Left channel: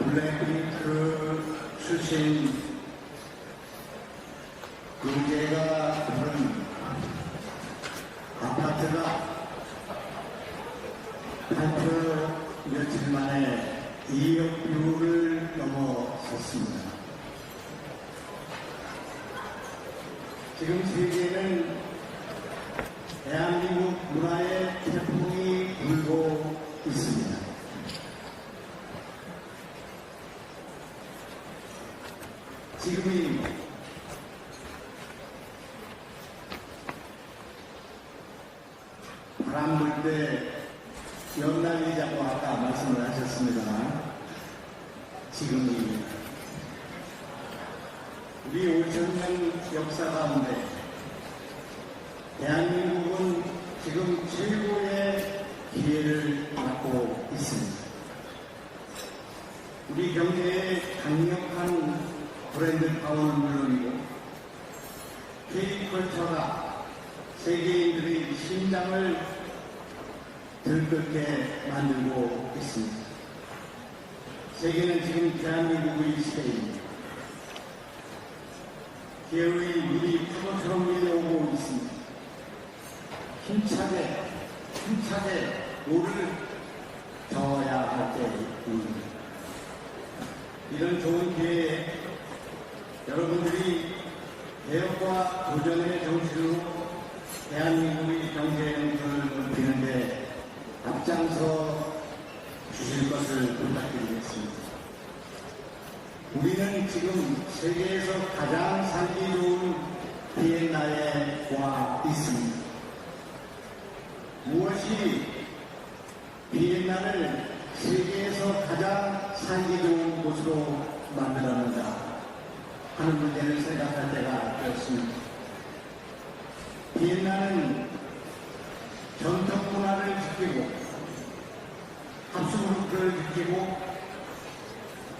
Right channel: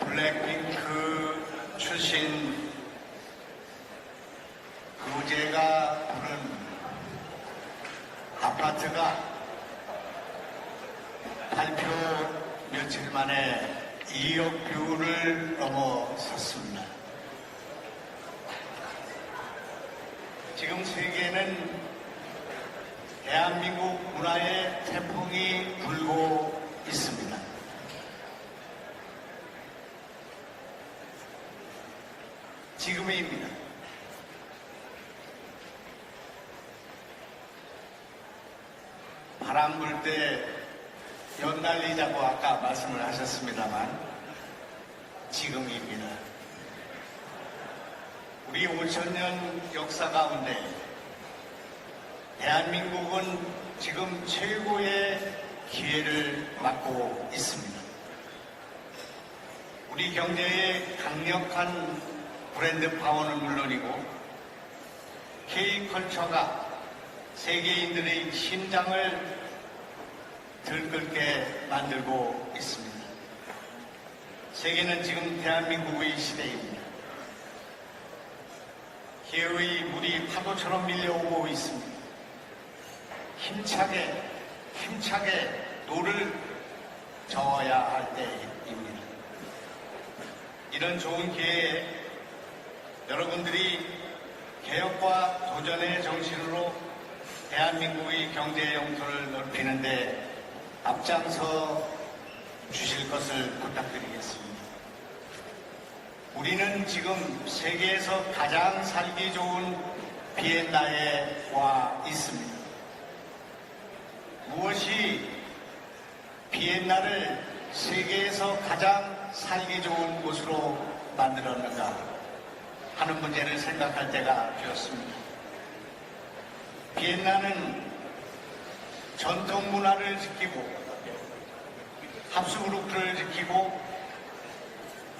블랙핑크 출신 유재가 부른 아파트가 발표 며칠 만에 2억 뷰를 넘어섰습니다. 지금 세계는 대한민국 문화의 태풍이 불고 있습니다. 지금입니다. 바람 불 때 연날리자고 아까 말씀을 하셨습니다만 지금입니다. 우리 5천년 역사 가운데 대한민국은 지금 최고의 기회를 맞고 있습니다. 우리 경제의 강력한 브랜드 파워는 물론이고 K컬처가 세계인들의 심장을 들끓게 만들고 있습니다. 세계는 지금 대한민국의 시대입니다. 기회의 물이 파도처럼 밀려오고 있습니다. 힘차게, 힘차게 노를 저어야 할 때입니다. 이런 좋은 기회에 여러분들이 개혁과 도전의 정신으로 대한민국의 경제 영토를 넓히는데 앞장서 주실 것을 부탁드리겠습니다. 우리는 지금 세계에서 가장 살기 좋은 비엔나에 와 있습니다. 무엇이 비엔나를 세계에서 가장 살기 좋은 곳으로 만들었는가 하는 문제를 생각할 때가 되었습니다. 비엔나는 전통 문화를 지키고 합숙그룹들을 지키고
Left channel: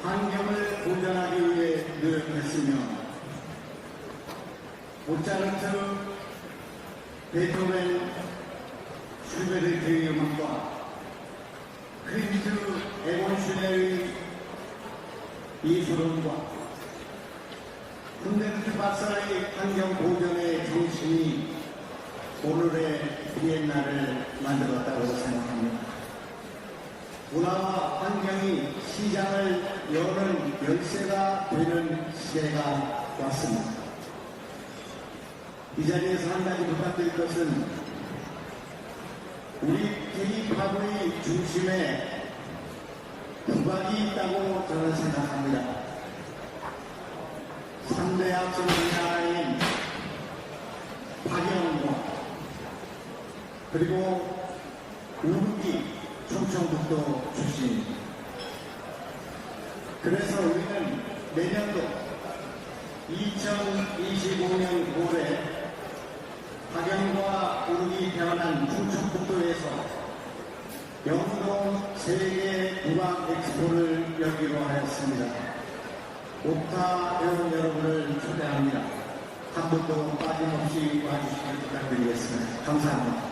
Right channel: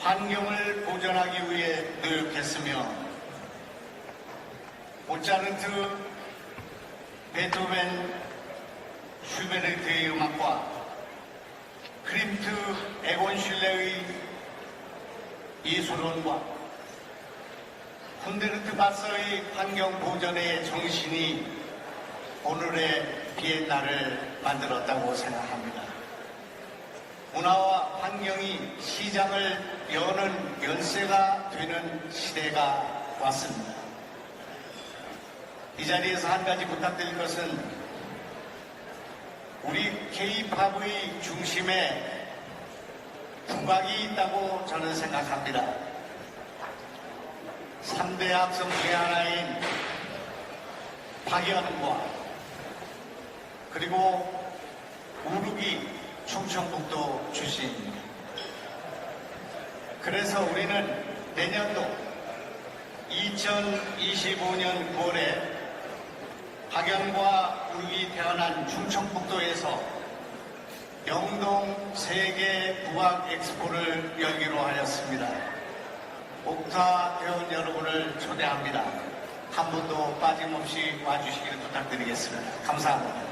환경을 보존하기 위해 노력했으며 모차르트, 베토벤, 슈베르트의 음악과 크림트 에곤 슐레의 예술원과 훈데르트 박사의 환경 보존의 정신이 오늘의 비엔나를 만들었다고 생각합니다. 문화와 환경이 시장을 여는 열쇠가 되는 시대가 왔습니다. 이 자리에서 한 가지 부탁드릴 것은 우리 K-팝의 중심에 국악이 있다고 저는 생각합니다. 3대 악성 중의 하나인 박연과 그리고 우루기 충청북도 출신입니다. 그래서 우리는 내년도 2025년 9월에 박영과 우루기 태어난 충청북도에서 영동 세계 국악 엑스포를 열기로 하였습니다. 목타 회원 여러분을 초대합니다. 한 번도 빠짐없이 와주시길 부탁드리겠습니다. 감사합니다.